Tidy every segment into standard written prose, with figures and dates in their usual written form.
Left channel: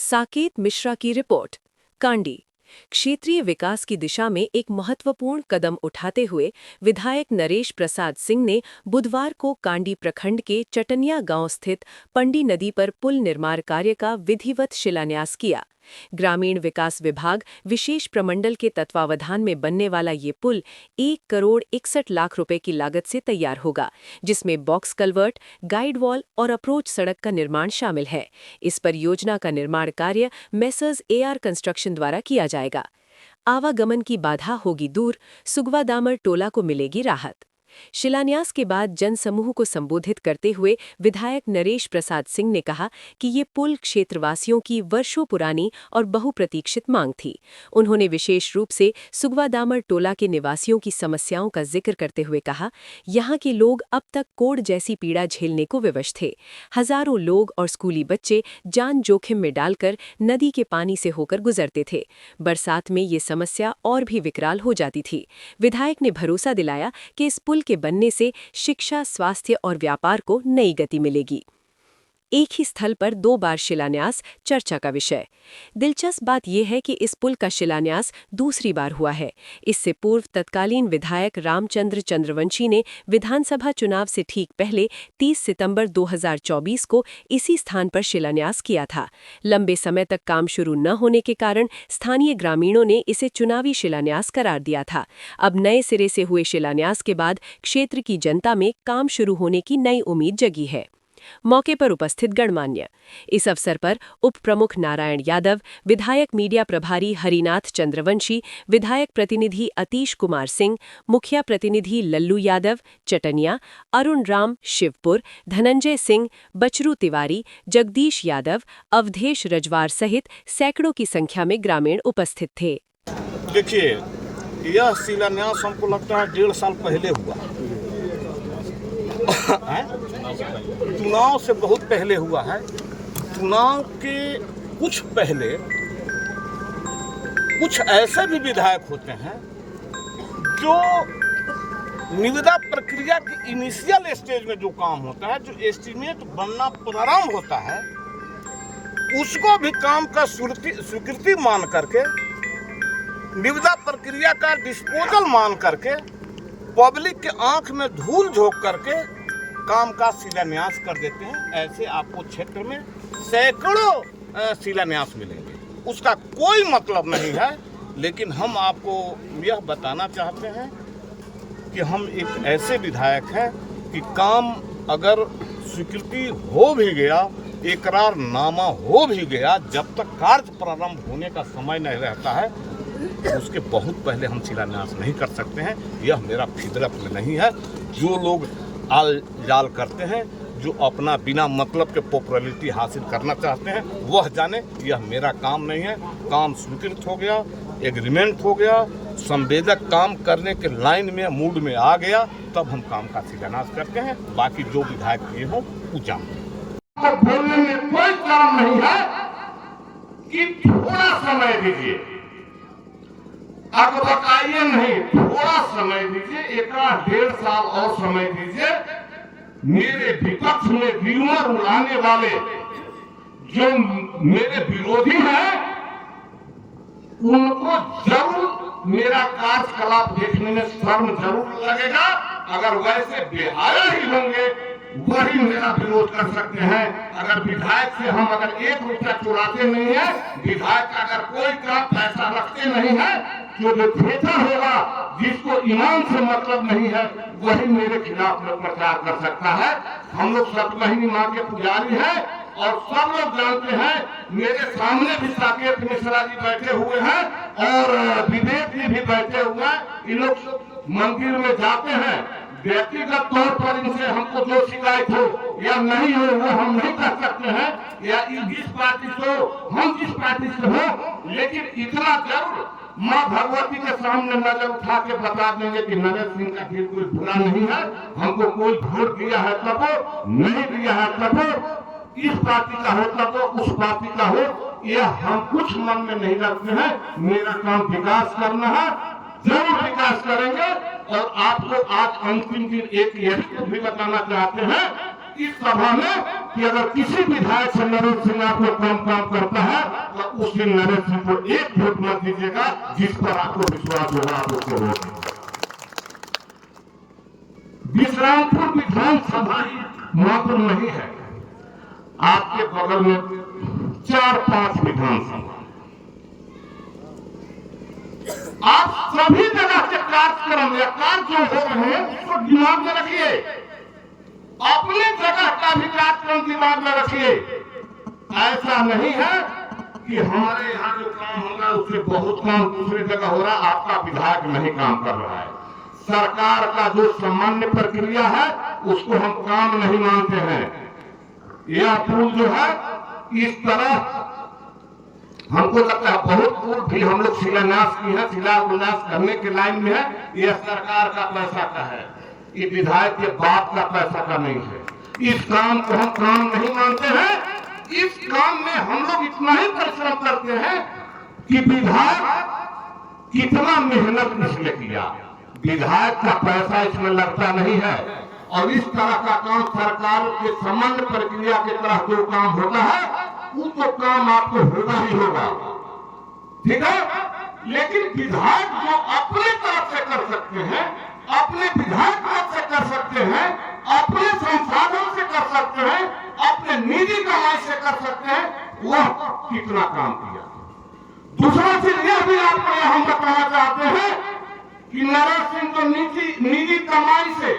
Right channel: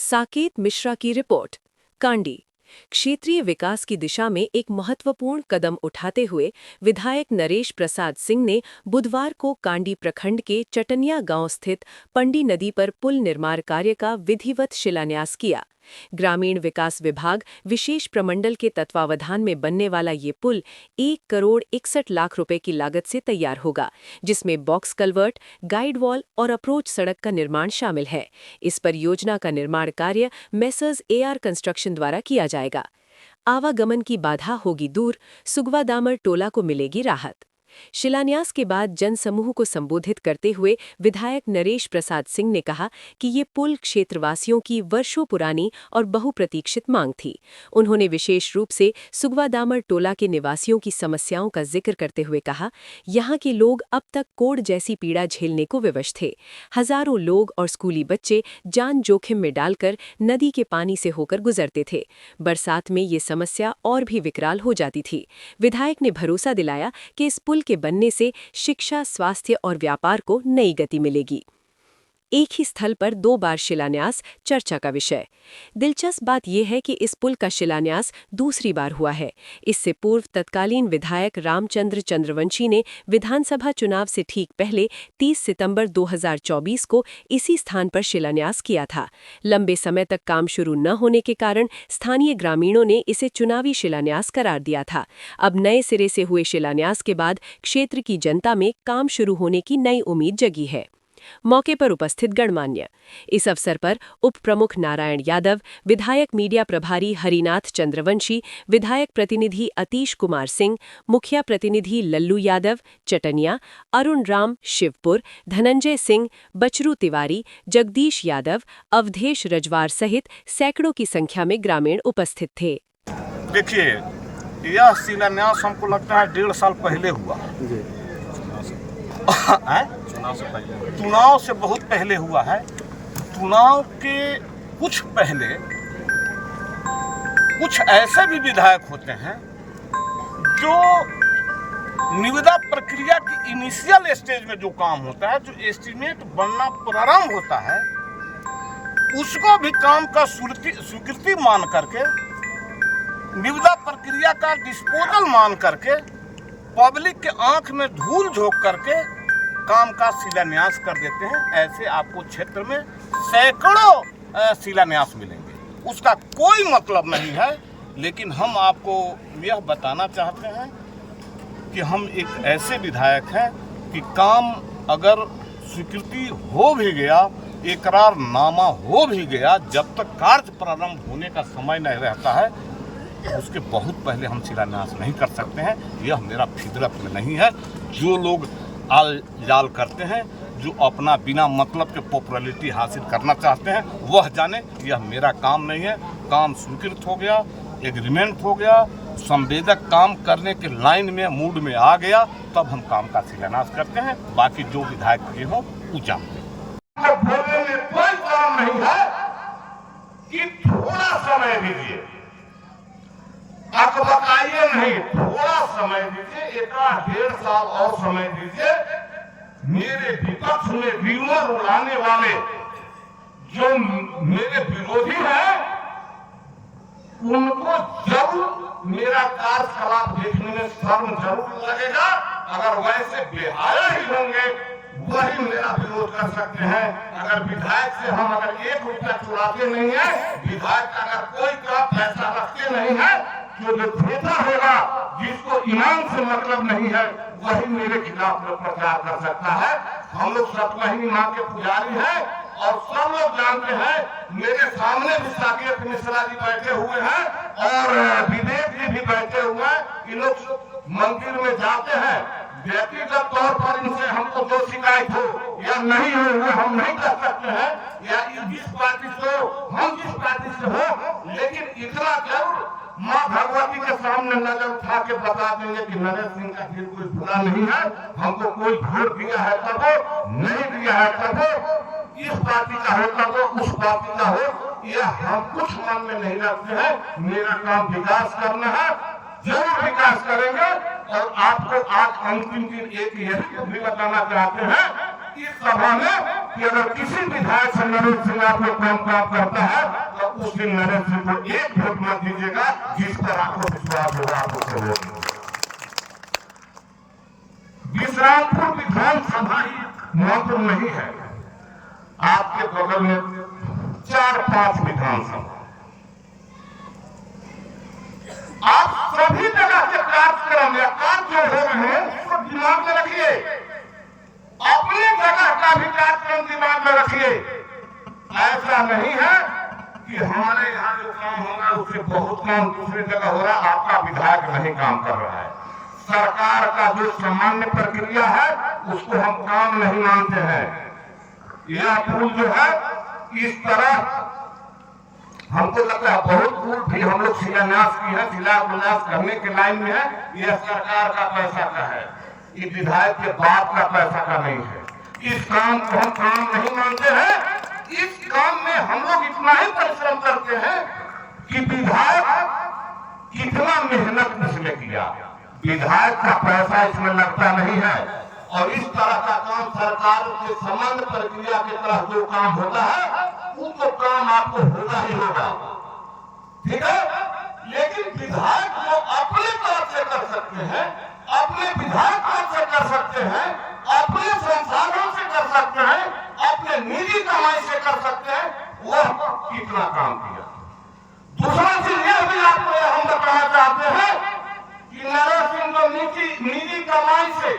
साकेत मिश्रा की रिपोर्ट। कांडी क्षेत्रीय विकास की दिशा में एक महत्वपूर्ण कदम उठाते हुए विधायक नरेश प्रसाद सिंह ने बुधवार को कांडी प्रखंड के चटनिया गांव स्थित पंडी नदी पर पुल निर्माण कार्य का विधिवत शिलान्यास किया। ग्रामीण विकास विभाग विशेष प्रमंडल के तत्वावधान में बनने वाला ये पुल 1,61,61,00,000 रुपए की लागत से तैयार होगा, जिसमें बॉक्स कल्वर्ट, गाइड वॉल और अप्रोच सड़क का निर्माण शामिल है। इस परियोजना का निर्माण कार्य मेसर्स AR कंस्ट्रक्शन द्वारा किया जाएगा। आवागमन की बाधा होगी दूर, सुगवा दामर टोला को मिलेगी राहत। शिलान्यास के बाद जनसमूह को संबोधित करते हुए विधायक नरेश प्रसाद सिंह ने कहा कि ये पुल क्षेत्रवासियों की वर्षों पुरानी और बहुप्रतीक्षित मांग थी। उन्होंने विशेष रूप से सुगवा दामर टोला के निवासियों की समस्याओं का जिक्र करते हुए कहा, यहाँ के लोग अब तक कोढ़ जैसी पीड़ा झेलने को विवश थे। हजारों लोग और स्कूली बच्चे जान जोखिम में डालकर नदी के पानी से होकर गुजरते थे। बरसात में ये समस्या और भी विकराल हो जाती थी। विधायक ने भरोसा दिलाया कि इस पुल के बनने से शिक्षा, स्वास्थ्य और व्यापार को नई गति मिलेगी। एक ही स्थल पर 2 बार शिलान्यास चर्चा का विषय। दिलचस्प बात यह है कि इस पुल का शिलान्यास दूसरी बार हुआ है। इससे पूर्व तत्कालीन विधायक रामचंद्र चंद्रवंशी ने विधानसभा चुनाव से ठीक पहले 30 सितंबर 2024 को इसी स्थान पर शिलान्यास किया था। लंबे समय तक काम शुरू न होने के कारण स्थानीय ग्रामीणों ने इसे चुनावी शिलान्यास करार दिया था। अब नए सिरे से हुए शिलान्यास के बाद क्षेत्र की जनता में काम शुरू होने की नई उम्मीद जगी है। मौके पर उपस्थित गणमान्य। इस अवसर पर उप प्रमुख नारायण यादव, विधायक मीडिया प्रभारी हरिनाथ चंद्रवंशी, विधायक प्रतिनिधि अतीश कुमार सिंह, मुखिया प्रतिनिधि लल्लू यादव चटनिया, अरुण राम शिवपुर, धनंजय सिंह, बचरू तिवारी, जगदीश यादव, अवधेश रजवार सहित सैकड़ों की संख्या में ग्रामीण उपस्थित थे। देखिए, यह शिलान्यास हमको लगता है 1.5 साल पहले हुआ। चुनाव से बहुत पहले हुआ है। चुनाव के कुछ पहले कुछ ऐसे भी विधायक होते हैं जो निविदा प्रक्रिया की इनिशियल स्टेज में जो काम होता है, जो एस्टीमेट बनना प्रारंभ होता है, उसको भी काम का स्वीकृति मान करके, निविदा प्रक्रिया का डिस्पोजल मान करके, पब्लिक के आंख में धूल झोंक करके काम का शिलान्यास कर देते हैं। ऐसे आपको क्षेत्र में सैकड़ों शिलान्यास मिलेंगे। उसका कोई मतलब नहीं है, लेकिन हम आपको यह बताना चाहते हैं कि हम एक ऐसे विधायक हैं कि काम अगर स्वीकृति हो भी गया, इकरारनामा हो भी गया, जब तक कार्य प्रारंभ होने का समय नहीं रहता है, उसके बहुत पहले हम शिलान्यास नहीं कर सकते हैं। यह मेरा फितरत में नहीं है। जो लोग आल जाल करते हैं, जो अपना बिना मतलब के पॉपुलैरिटी हासिल करना चाहते हैं, वह जाने। यह मेरा काम नहीं है। काम स्वीकृत हो गया, एग्रीमेंट हो गया, संवेदक काम करने के लाइन में, मूड में आ गया, तब हम काम का शिलान्यास करते हैं। बाकी जो विधायक ये हों वो जानते हैं। बोलने में कोई काम नहीं है कि थोड़ा समय दीजिए, अकबकाइए नहीं, थोड़ा समय दीजिए, 1.5 साल और समय दीजिए। मेरे विपक्ष में र्यूमर उड़ाने वाले जो मेरे विरोधी हैं, उनको जरूर मेरा कार्यकलाप देखने में शर्म जरूर लगेगा। अगर वैसे बिहार ही होंगे, वही मेरा विरोध कर सकते हैं। अगर विधायक से हम अगर 1 रुपया चुराते नहीं है, विधायक का अगर कोई काम पैसा रखते नहीं है, जो थिएटर होगा, जिसको इनाम से मतलब नहीं है, वही मेरे खिलाफ में प्रचार कर सकता है। हम लोग सतमहिनी मां के पुजारी हैं और सब लोग जानते हैं। मेरे सामने भी साकेत मिश्रा जी बैठे हुए हैं और विवेक जी भी बैठे हुए हैं। इन लोग मंदिर में जाते हैं। व्यक्तिगत तौर पर इनसे हमको जो शिकायत हो या नहीं हो, वो हम नहीं कर सकते हैं, या जिस पार्टी से हो, हम जिस पार्टी से हो, लेकिन इतना जरूर माँ भगवती के सामने नजर उठा के बता देंगे कि नरेश सिंह का दिल कोई बुरा नहीं है। हमको कोई वोट दिया है तब हो, नहीं दिया है तब हो, इस पार्टी का हो तब हो, उस पार्टी का हो, यह हम कुछ मन में नहीं रखते हैं। मेरा काम विकास करना है, जरूर विकास करेंगे। और आपको आज अंतिम दिन एक यह भी बताना चाहते हैं, इस सभा में कि अगर किसी विधायक से नरेंद्र सिंह आपको काम करता है तो उस दिन नरेंद्र सिंह को एक वोट मत दीजिएगा, जिस पर आपको विश्वास होगा आप उसको वोट दीजिएगा। विश्रामपुर विधानसभा मात्र नहीं है, आपके बगल में 4-5 विधानसभा, आप सभी जगह के कार्यक्रम या कार्य जो हो रहे हैं उसको दिमाग में रखिए, अपनी जगह का भी कार्यक्रम दिमाग में रखिए। ऐसा नहीं है कि हमारे यहाँ जो काम हो रहा है उससे बहुत काम दूसरी जगह हो रहा है, आपका विधायक नहीं काम कर रहा है। सरकार का जो सामान्य प्रक्रिया है उसको हम काम नहीं मानते हैं। यह पुल जो है इस तरह हमको लगता है बहुत दूर भी हम लोग शिलान्यास की है, शिलान्यास करने के लाइन में है। यह सरकार का पैसा का है, ये विधायक के बाप का पैसा का नहीं है। इस काम को हम काम नहीं मानते हैं। इस काम में हम लोग इतना ही परिश्रम करते हैं कि विधायक कितना मेहनत इसमें किया, विधायक का पैसा इसमें लगता नहीं है। और इस तरह का काम सरकार के सामान्य प्रक्रिया के तरह जो काम होता है वो तो काम आपको होना ही होगा, ठीक है। लेकिन विधायक जो अपने तरफ से कर सकते हैं, अपने विधायक तरफ से कर सकते हैं, अपने संसाधन से कर सकते हैं, अपने निजी कमाई से कर सकते हैं, वह कितना काम किया। दूसरा चीज यह भी आपको हम बताना चाहते हैं कि नरेंद्र सिंह को निजी कमाई से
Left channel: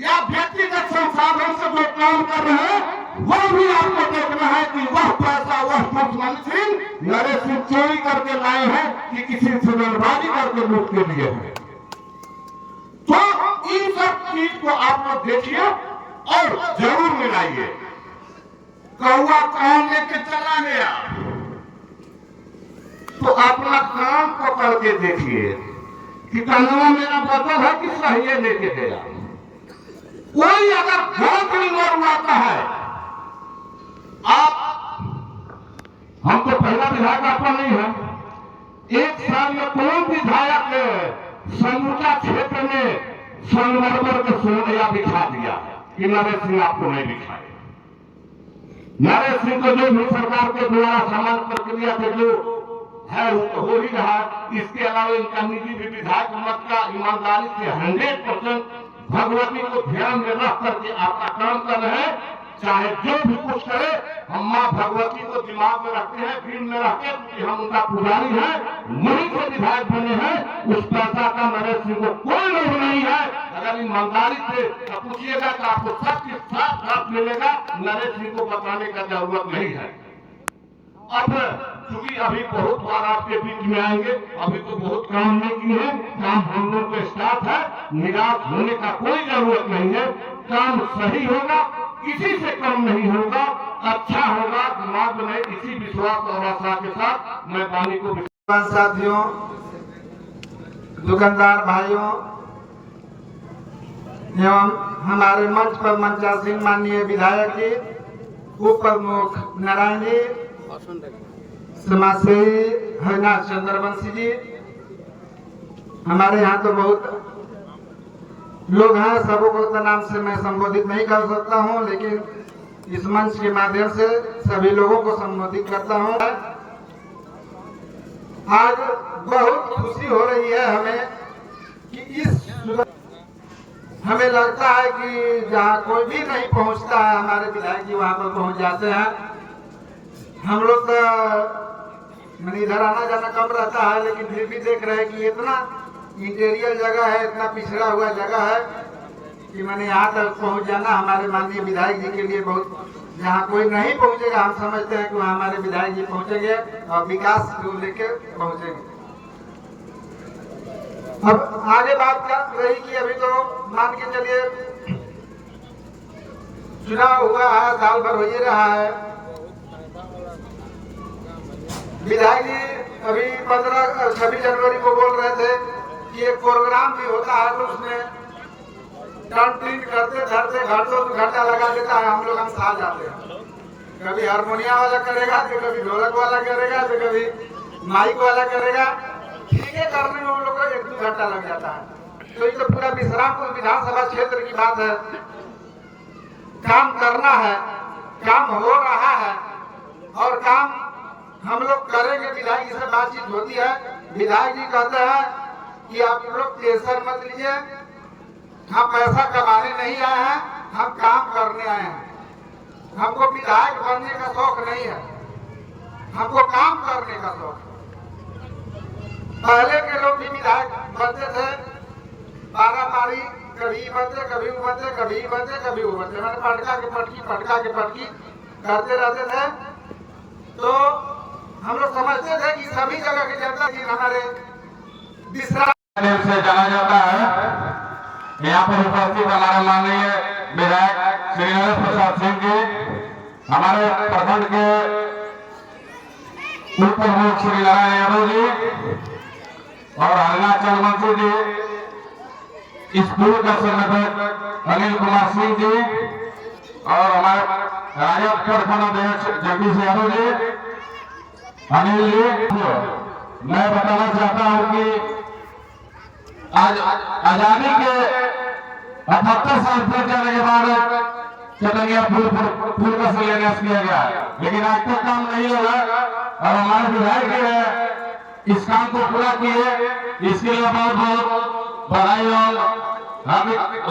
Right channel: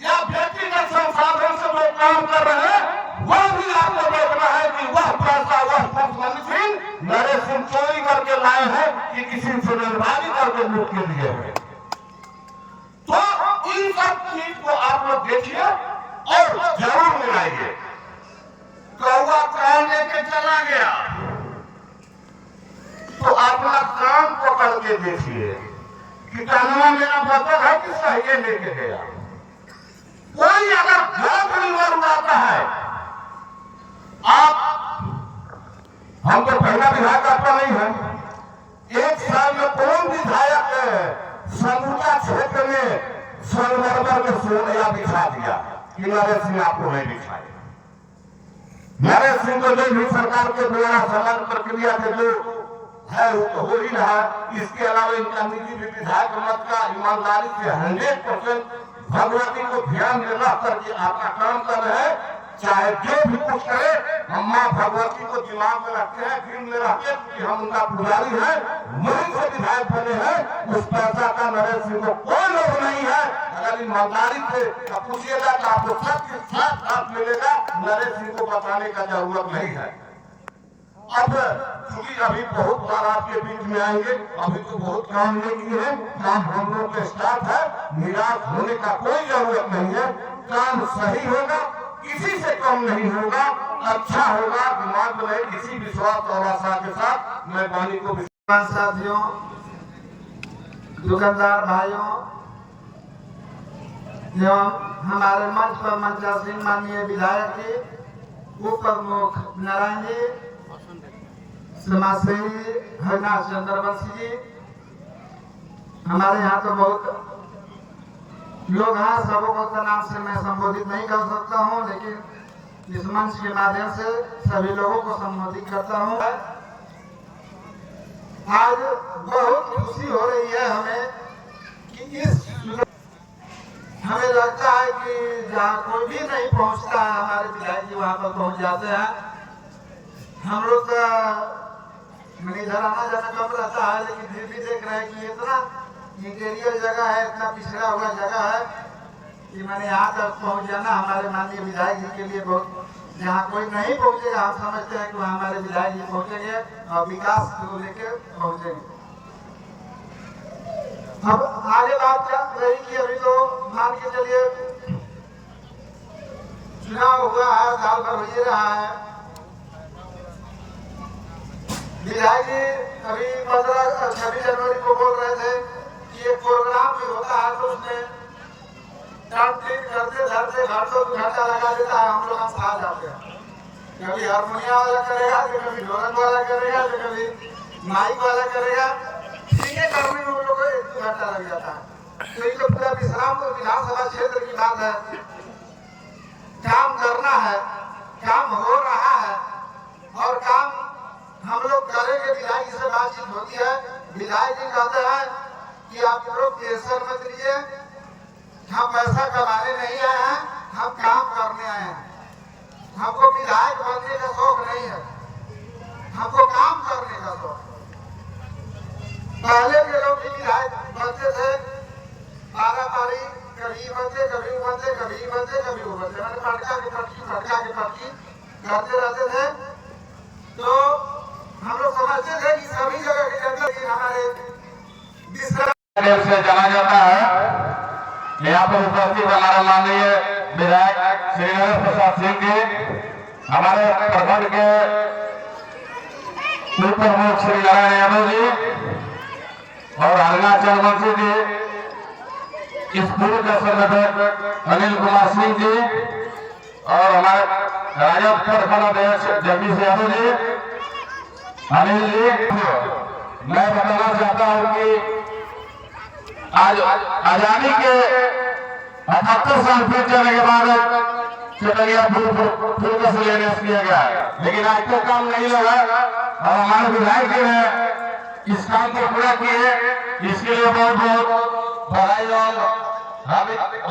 या व्यक्तिगत संसाधन से जो काम कर रहे हैं वह भी आपको देखना है कि वह पैसा वह मुख्यमंत्री सिंह नरेंद्र सिंह चोरी करके लाए हैं कि किसी से रंगबाजी करके लूट के लिए है। तो इन सब चीज को आप लोग देखिए और जरूर मिलाइए। कौआ काम लेके चला गया तो अपना काम पकड़ के देखिए कि कहना मेरा बदल है कि सही लेके गया। कोई अगर गलत नंबर उड़ाता है, आप हम तो पहला विधायक आपका नहीं है, एक साल में कौन विधायक समूचा क्षेत्र में संगमरमर के सोना बिछा दिया कि नरेंद्र सिंह आपको नहीं बिछाए। नरेंद्र सिंह को जो भी सरकार के द्वारा समान प्रक्रिया के जो है वो हो ही रहा। इसके अलावा इनका निजी भी विधायक मत का ईमानदारी से 100% भगवती को ध्यान में रख करके आपका काम कर रहे हैं। चाहे जो भी कुछ करे, हम माँ भगवती को दिमाग में रखते हैं, दिल में रखते हैं कि हम उनका पुजारी हैं, वहीं से विधायक बने हैं। उस पैसा का नरेंद्र सिंह को कोई लोभ नहीं है। अगर ईमानदारी से पूछिएगा तो आपको सबके साथ साथ मिलेगा। नरेंद्र सिंह को बताने का जरूरत नहीं है। अब चूंकि अभी बहुत बार आपके बीच में आएंगे, अभी तो बहुत काम नहीं किए हैं, काम हम लोग के स्टाफ है, निराश होने का कोई जरूरत नहीं है। काम सही होगा, किसी से कम नहीं होगा, अच्छा होगा, दिमाग में इसी विश्वास और आशा के साथ मैं वाणी को साथियों, दुकानदार भाइयों एवं हमारे मंच पर मंचासीन माननीय विधायक जी, उप प्रमुख नारायण जी, समाजसेवी हरिनाथ चंद्रवंशी जी, हमारे यहाँ तो बहुत लोग हैं, सबों को तो नाम से मैं संबोधित नहीं कर सकता हूँ, लेकिन इस मंच के माध्यम से सभी लोगों को संबोधित करता हूँ। आज बहुत खुशी हो रही है हमें कि हमें लगता है कि जहाँ कोई भी नहीं पहुँचता है हमारे विधायक जी वहाँ पर पहुँच जाते हैं। हम लोग मैंने इधर आना जाना कम रहता है, लेकिन फिर भी देख रहे हैं कि इतना इंटीरियर जगह है, इतना पिछड़ा हुआ जगह है कि मैंने यहाँ तक पहुँच जाना हमारे माननीय विधायक जी के लिए बहुत, जहाँ कोई नहीं पहुँचेगा हम समझते हैं कि वहाँ हमारे विधायक जी पहुँचेंगे और विकास को लेके पहुँचेंगे। अब आगे बात कर रही कि अभी तो मान के चलिए चुनाव हुआ है, साल भर हो ही रहा है। विधायक जी अभी 15-26 जनवरी को बोल रहे थे कि एक प्रोग्राम भी होता है तो उसमें करते धरते घंटा लगा देता है, हम लोग हम साथ जाते हैं। कभी हारमोनिया वाला करेगा तो कभी ढोलक वाला करेगा तो कभी माइक वाला करेगा, ठीक है, करने में हम लोग का 1-2 घंटा लग जाता है। तो ये तो पूरा विश्रामपुर विधानसभा क्षेत्र की बात है। काम करना है, काम हो रहा है और काम हम लोग करेंगे। विधायक जी से बातचीत होती है, विधायक जी कहते हैं कि आप लोग टेंशन मत लीजिए, हम पैसा कमाने नहीं आए हैं, हम काम करने आए हैं। हमको विधायक बनने का शौक नहीं है, हमको काम करने का शौक है। पहले के लोग भी विधायक बनते थे, पारापारी, कभी बनते कभी बनते कभी बनते कभी बनते, मैंने पटका के पटकी करते रहते थे। तो हम लोग समझते थे कि सभी जगह की जनता जी हमारे से जाना जाता है। यहाँ पर उपस्थित हमारे माननीय विधायक श्री नरेश प्रसाद सिंह जी, हमारे प्रखंड के पूर्व प्रमुख श्री नारायण यादव जी और अरुणाचल मंत्री जी, स्कूल का संगठक अनिल कुमार सिंह जी और हमारे राजद प्रखंड अध्यक्ष जगदीश यादव जी, अनिल जी। मैं बताना चाहता हूँ कि आज आजादी के 78 साल फिर चलने के बाद चटनिया फूल का शिलान्यास किया गया, लेकिन आज तक काम नहीं लगा और हमारे विधायक जी ने इस काम को पूरा किए, इसके लिए बहुत बहुत बधाई और हम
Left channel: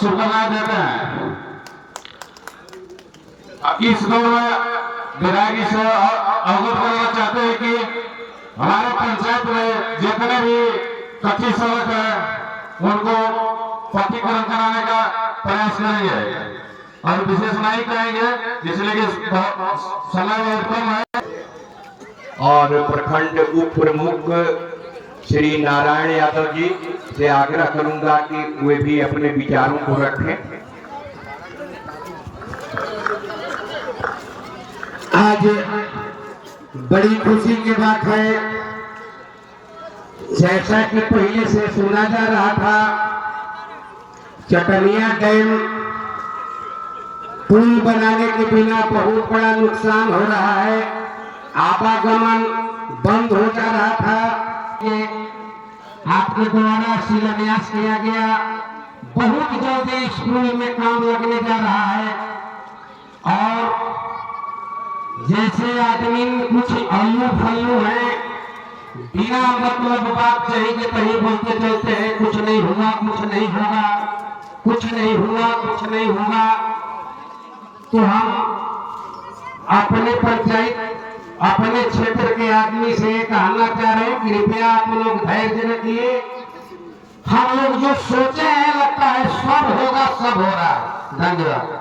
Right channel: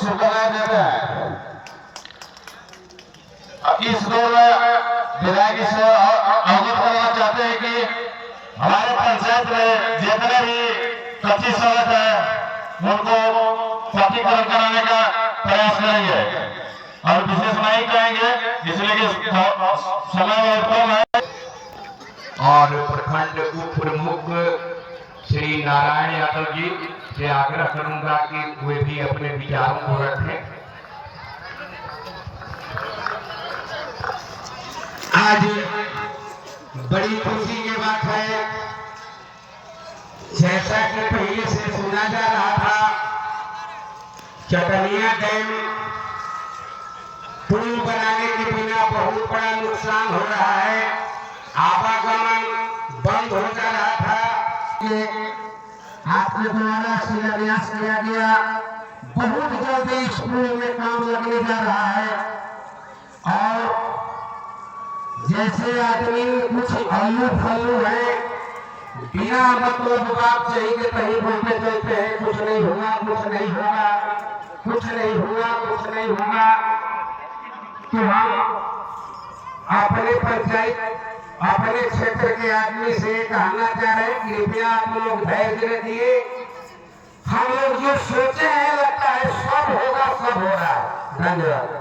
शुभकामनाएं देते हैं। इस दौर में विधायक जी से अवगत कराना चाहते हैं कि हमारे पंचायत में जितने भी कच्ची सड़क है उनको पक्कीकरण कराने का प्रयास करेंगे और विशेष नहीं कहेंगे, इसलिए कि समय और कम है। और प्रखंड उप प्रमुख श्री नारायण यादव जी से आग्रह करूंगा कि वे भी अपने विचारों को रखें। आज बड़ी खुशी की बात है, जैसा कि पहले से सुना जा रहा था, चटनिया डैम पुल बनाने के बिना बहुत बड़ा नुकसान हो रहा है, आवागमन बंद हो जा रहा था। ये आपके द्वारा शिलान्यास किया गया, बहुत जल्दी इस पुल में काम लगने जा रहा है और जैसे आदमी कुछ आयु फायु है, बिना मतलब बात सही के कहीं बोलते चलते हैं, कुछ नहीं होगा, कुछ नहीं होगा, कुछ नहीं हुआ, कुछ नहीं होगा। तो हम अपने पंचायत, अपने क्षेत्र के आदमी से कहना चाह रहे हैं, कृपया आप लोग धैर्य रखिए। हम लोग जो सोचे हैं लगता है सब होगा, सब हो रहा है। धन्यवाद।